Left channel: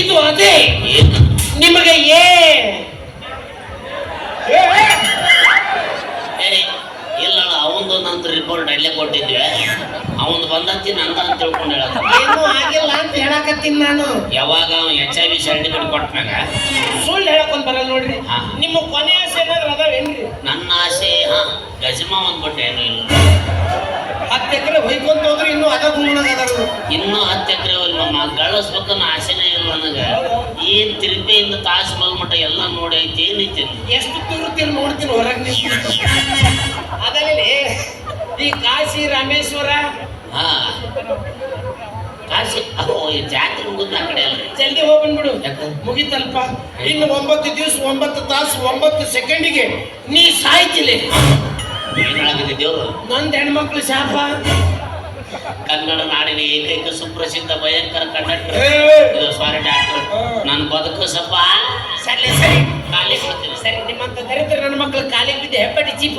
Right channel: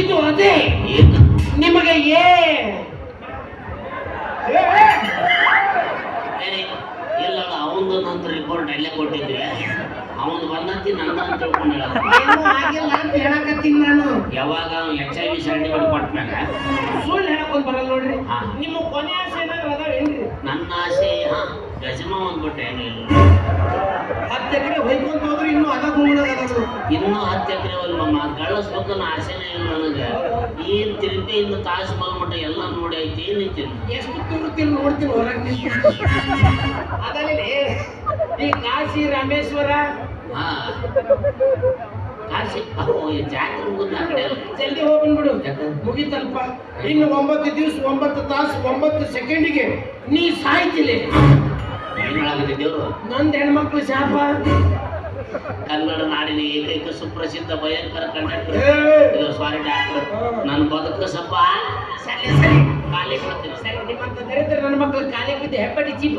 ಇದು ಅದೇ ಏನು ನಿಮಗೆ ಏ ಇಲ್ಲ ಅವಂದು ನಂತರ ರಿಪೋರ್ಟ್ ಅಲ್ಲೇ ಕೊಟ್ಟಿದ್ವಿ ಅವನು ಬಂದಂತಿ ನಂದ ಅಂತ ತಿಳ್ಕೊಂಡು ಹೇಳೋದು ಏನೂ ಆಗಿಲ್ಲ ಅಂತ ಹೇಳಕತ್ತೀನಿ ನಾನು. ಯಾವಾಗ HIV ಸರ್ಟಿಫಿಕೇಟ್ ಕೊಟ್ಟಾಗ ಸುಳ್ಳು ಹೇಳಕೊಂಡ್ ಬರಲ್ಲ ನೋಡ್ರಿ. ಹಾ. ನಿಮ್ಮ ಕೊನೆ ಆಸೆ ಏನಾದ್ರು ಅದಾವೇನ್ರಿ? ನನ್ನ ಆಸೆ ಗಜಮ ಒಂದ್ಬಿಟ್ಟು ಏನು ಇಲ್ಲ 10 ಎಕರೆ ಹೊಯ್ಕೊಂತ ಹೋದ್ರೆ ಇನ್ನೂ ಅದ ಗುಣದಾಗ ಅದಾರು. ಇನ್ನೂ 10 ಎಕರೆ ಮಮ್ಮ ಗಳಿಸ್ಬೇಕನ್ನ ಆಸೆನೇ ಇಲ್ಲ ನನಗೆ. ಏನ್ ತಿರುಪತಿಯಿಂದ ತಾಜ್ ಮಹಲ್ ಮಟ್ಟ ಎಲ್ಲ ನೋಡಿ ಐತಿ ಏನೈತಿ ಎಷ್ಟು ತಿರುಗ್ತೀನಿ ನೋಡ್ತೀನಿ ಹೊರಗೆ. ಅದರಲ್ಲಿ ಈ ಕಾಶಿ ರಾಮೇಶ್ವರ ಹಾ ಕಾಶಿ ಜಾತ್ರೆ ಮುಗಿದ ಆ ಕಡೆ ಅಲ್ಲ ಜಲ್ದಿ ಹೋಗ್ಬಿಡು. ಮುಗಿತಲ್ಪ. ಇನ್ನು 9 ದಿವಸ 9 ತಾಸು 9 ಸೆಕೆಂಡಿಗೆ ನೀ ಸಾಯ್ತಿಲ್ಲ. ಏನಾಗಿದೆ ದೇವ್ರು ನಂದು ಹೆಣ್ಮಕ್ಳು ಶಾಪ. ಕನ್ನಡ ನಾಡಿನ ಏಕೈಕ ಸುಪ್ರಸಿದ್ಧ ಭಯಂಕರ ಕಂಡಕ್ಟರ್ ಇದು ಸಾರಿ ಡಾಕ್ಟರ್ ನನ್ನ ಬದುಕು ಸ್ವಲ್ಪ ಸರಿ ಸರಿ ಖಾಲಿ ಕೊಡ್ತೀನಿ ಸರಿ. ನಿಮ್ಮಂತ ದರಿದ್ರ ನನ್ನ ಮಕ್ಕಳು ಕಾಲಿಗೆ ಬಿದ್ದು ಹೆಪ್ಪಡಿ ಚೀಪು